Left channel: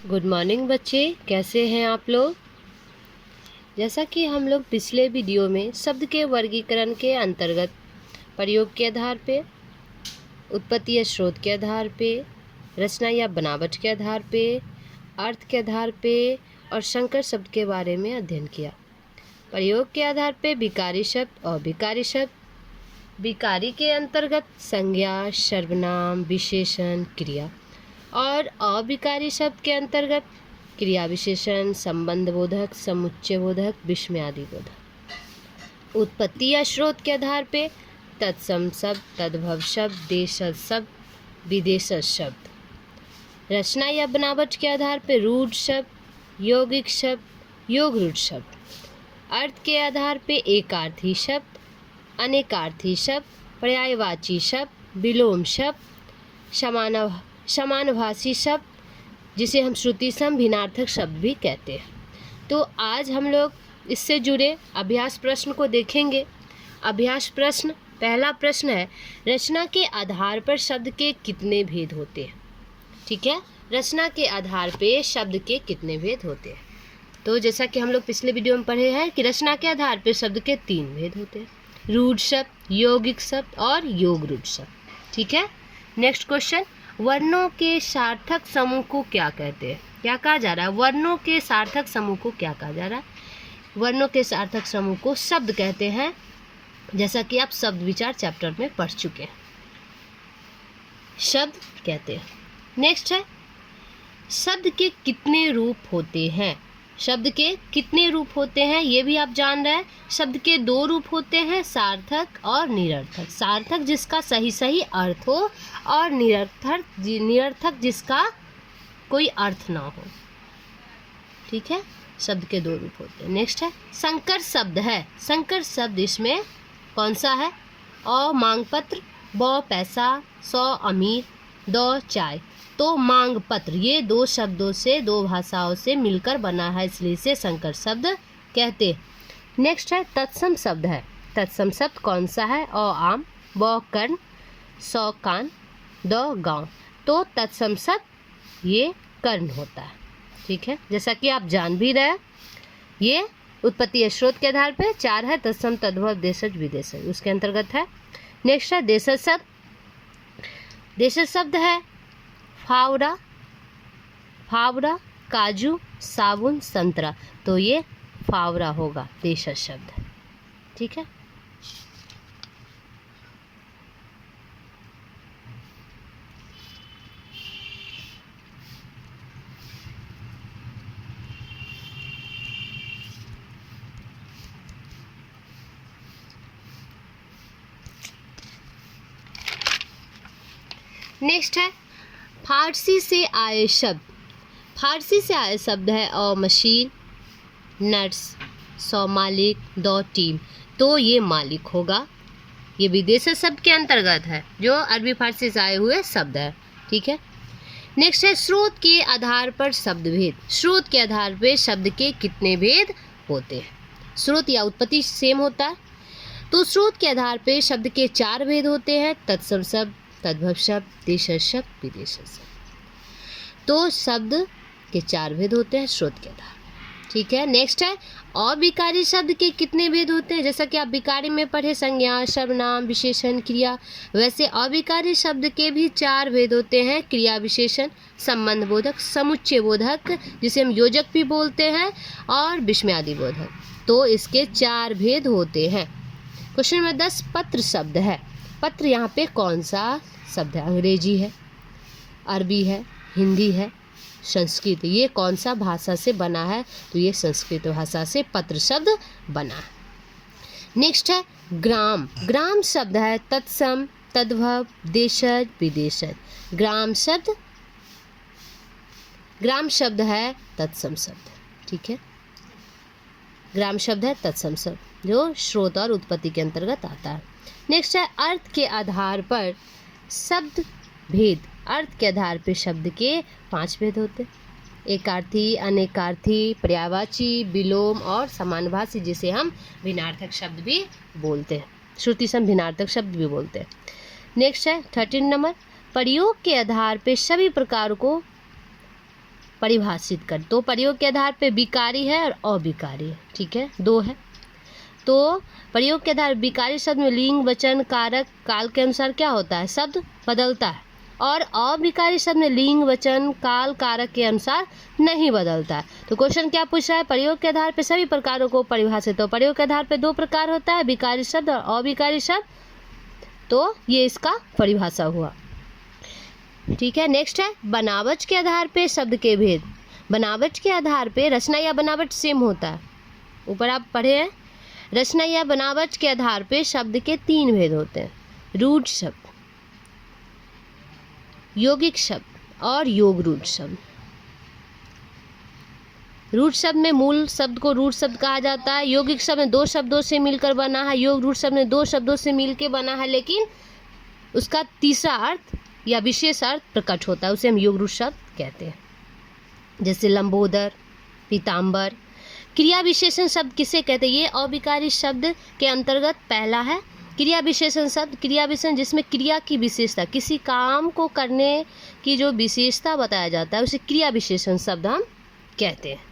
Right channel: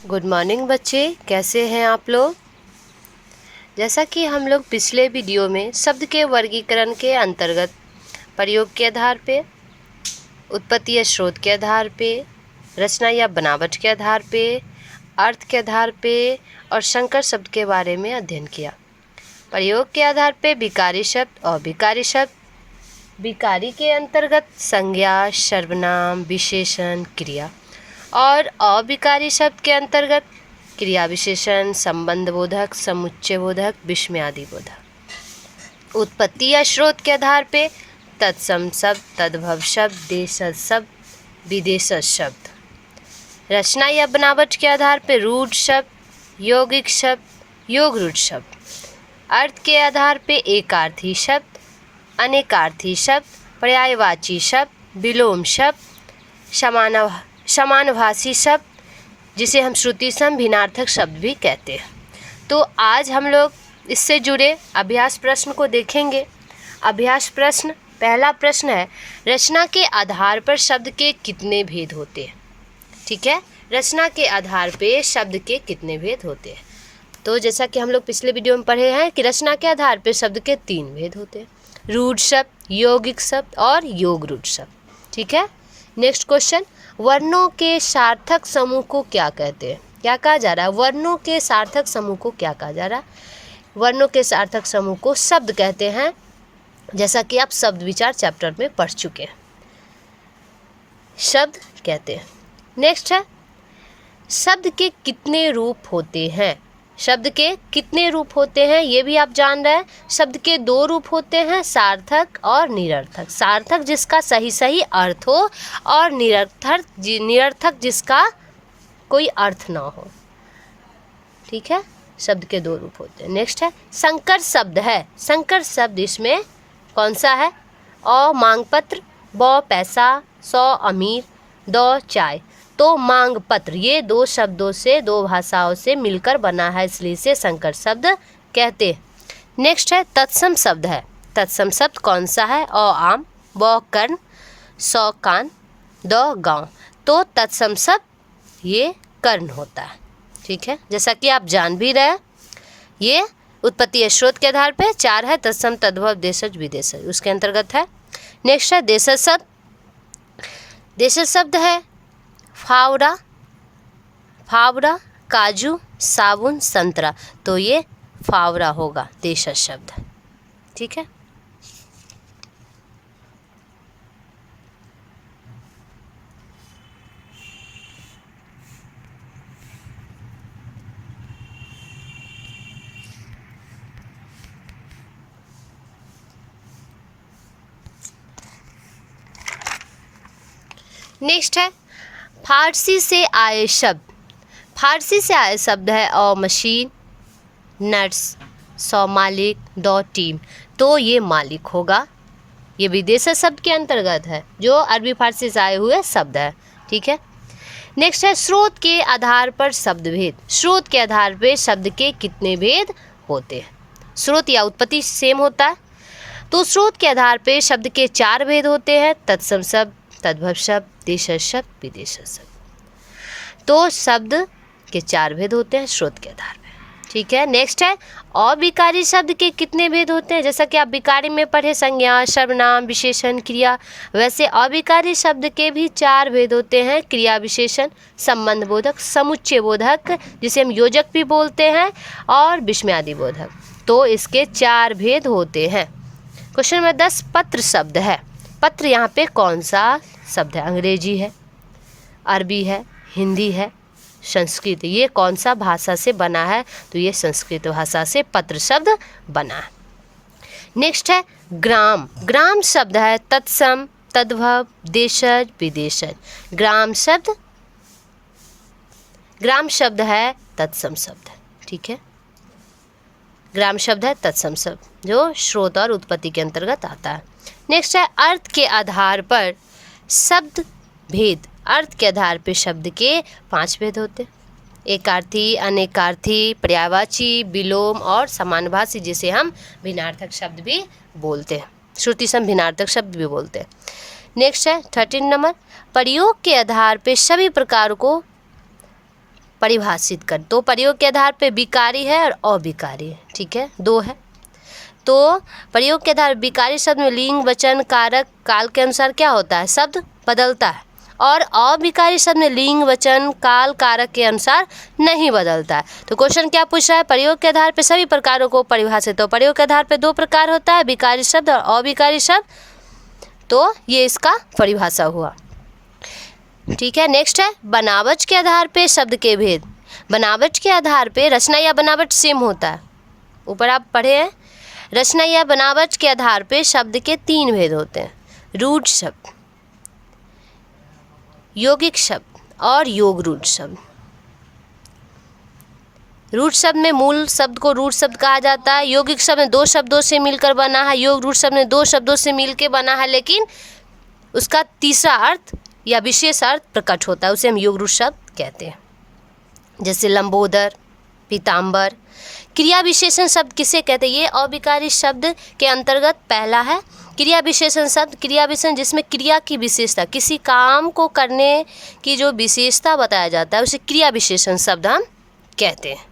Good morning बच्चे, कैसे हैं आप लोग। जैसा कि हम लोग पिछले वीडियो में शब्द के वर्गीकरण के अंतर्गत प्रयोग के आधार पे, उत्पत्ति या स्रोत के आधार पे, रचना या बनावट के आधार पे, अर्थ के आधार पे और संकर शब्द के बारे में अध्ययन किया। प्रयोग के आधार पे विकारी शब्द और विकारी शब्द। विकारी के अंतर्गत संज्ञा, सर्वनाम, विशेषण, क्रिया और अविकारी शब्द के अंतर्गत क्रिया विशेषण, संबंध बोधक, समुच्चय बोधक, विस्मयादि बोधक। उत्पत्ति या स्रोत के आधार पे तत्सम शब्द, तद्भव शब्द, देशज शब्द, विदेशज शब्द। रचना या बनावट के आधार पे रूढ़ शब्द, यौगिक शब्द, योग रूढ़ शब्द। अर्थ के आधार पे एकार्थी शब्द, अनेकार्थी शब्द, पर्यायवाची शब्द, विलोम शब्द, समानभाषी शब्द, जिसे हम श्रुति सम भिन्नार्थक शब्द भी कहते हैं। तो आज हम लोग इससे जुड़े अभ्यास प्रश्न को देखेंगे। अभ्यास प्रश्न, पहला प्रश्न है, रचना के आधार पर शब्द के कितने भेद होते हैं। ठीक है, रचना के आधार पे शब्द के कितने भेद होते हैं। तो जैसा कि हम लोग पिछले वीडियो में पढ़े हैं कि रचना के आधार पे शब्द के 3 भेद होते हैं, रूढ़ शब्द, यौगिक शब्द और योग रूढ़ शब्द। ठीक है, नेक्स्ट क्वेश्चन, वर्णों के सार्थक समूह को क्या कहते हैं। क्या कहा जा रहा है, वर्णों के सार्थक समूह को क्या कहा जा रहा है। वर्णों के सार्थक समूह को शब्द कहते हैं, जैसा कि आप शब्द विचार चैप्टर में पढ़ चुके हैं, शब्द कहते हैं। नेक्स्ट है, शब्द के कितने रूप होते हैं। शब्द के कितने रूप होते हैं ये भी आप जान रहे हैं। शब्द के 2 रूप होते हैं, सार्थक और निरर्थक। सार्थक जिसका सही सही अर्थ हो और निरर्थक जिसका कोई अर्थ ना हो। ठीक है, शब्द के 2 रूप होते हैं। नेक्स्ट है, संकर शब्द है। संकर शब्द इसमें कौन सा है। अ मांग पत्र, ब पैसा, स अमीर, द चाय। तो मांग पत्र ये 2 शब्दों से, 2 भाषाओं से मिलकर बना है, इसलिए इसे संकर शब्द कहते हैं। नेक्स्ट है, तत्सम शब्द है। तत्सम शब्द कौन सा है। अ आम, ब कर्ण, स कान, द गांव। तो तत्सम शब्द ये कर्ण होता है। ठीक है, जैसा कि आप जान भी रहे, ये उत्पत्ति या स्रोत के आधार पे 4 है, तत्सम, तद्भव, देशज, विदेशज, उसके अंतर्गत है। नेक्स्ट है, देशज शब्द। देशज शब्द है फावड़ा, काजू, साबुन, संतरा। तो ये फावड़ा होगा देशज शब्द। ठीक है, नेक्स्ट है, फारसी से आए शब्द। फारसी से आए शब्द है अ मशीन, नर्स, सौ मालिक, द टीम। तो ये मालिक होगा, ये विदेशी शब्द के अंतर्गत है, जो अरबी फारसी से आए हुए शब्द है। ठीक है, नेक्स्ट है, स्रोत के आधार पर शब्द भेद। स्रोत के आधार पर शब्द के कितने भेद होते हैं। स्रोत या उत्पत्ति सेम होता है, तो स्रोत के आधार पर शब्द के 4 भेद होते हैं, तत्सम शब्द, तद्भव शब्द, देशज शब्द, विदेशज शब्द। तो शब्द के 4 भेद होते हैं स्रोत के आधार पर। ठीक है, नेक्स्ट है, अविकारी शब्द के कितने भेद होते हैं। जैसा कि आप विकारी में पढ़े, संज्ञा, सर्वनाम, विशेषण, क्रिया, वैसे अविकारी शब्द के भी 4 भेद होते हैं, क्रिया विशेषण, संबंध बोधक, समुच्चय बोधक, जिसे हम योजक भी बोलते हैं, और विस्मयादि बोधक। तो इसके 4 भेद होते हैं। क्वेश्चन नंबर 10, पत्र शब्द है। पत्र यहाँ पे कौन सा शब्द है। अंग्रेजी है, अरबी है, हिंदी है, संस्कृत। ये कौन सा भाषा से बना है, तो ये संस्कृत भाषा से पत्र शब्द बना है। नेक्स्ट है, ग्राम। ग्राम शब्द है तत्सम, तद्भव, देशज, विदेशज। ग्राम शब्द है तत्सम शब्द। ठीक है, ग्राम शब्द है तत्सम शब्द, जो स्रोत और उत्पत्ति के अंतर्गत आता है। नेक्स्ट है, अर्थ के आधार पर शब्द भेद। अर्थ के आधार पर शब्द के 5 भेद होते हैं, एकार्थी, अनेकार्थी, पर्यायवाची, विलोम और समानभाषी, जिसे हम भिन्नार्थक शब्द भी बोलते हैं, श्रुति सम भिन्नार्थक शब्द भी बोलते हैं। नेक्स्ट है 13 नंबर, प्रयोग के आधार पर सभी प्रकार को परिभाषित कर। तो प्रयोग के आधार पे विकारी है और अविकारी है, ठीक है, 2 है। तो प्रयोग के आधार विकारी शब्द में लिंग, वचन, कारक, काल के अनुसार क्या होता है, शब्द बदलता है, और अविकारी शब्द में लिंग, वचन, काल, कारक के अनुसार नहीं बदलता है। तो क्वेश्चन क्या पूछ रहा है, प्रयोग के आधार पे सभी प्रकारों को परिभाषित। तो प्रयोग के आधार पे 2 प्रकार होता है, विकारी शब्द और अविकारी शब्द। तो ये इसका परिभाषा हुआ, ठीक है। नेक्स्ट है बनावट के आधार पे शब्द के भेद। बनावट के आधार पे रचना या बनावट सेम होता है, ऊपर आप पढ़े हैं। रचना या बनावट के आधार पे शब्द के 3 भेद होते हैं, रूढ़ शब्द, यौगिक शब्द और योग रूढ़ शब्द। रूढ़ शब्द में मूल शब्द को रूढ़ शब्द कहा जाता है। यौगिक शब्द में 2 शब्दों से मिलकर बना है। योग रूढ़ शब्द में 2 शब्दों से मिलकर बना है, लेकिन उसका तीसरा अर्थ या विशेष अर्थ प्रकट होता है, उसे हम योग रूढ़ शब्द कहते हैं। जैसे लंबोदर, पीताम्बर। क्रिया विशेषण शब्द किसे कहते हैं, ये अविकारी शब्द के अंतर्गत पहला है। क्रिया विशेषण शब्द, क्रिया विशेषण जिसमें क्रिया की विशेषता, किसी काम को करने की जो विशेषता बताया जाता है उसे क्रिया विशेषण शब्द हम कहते हैं।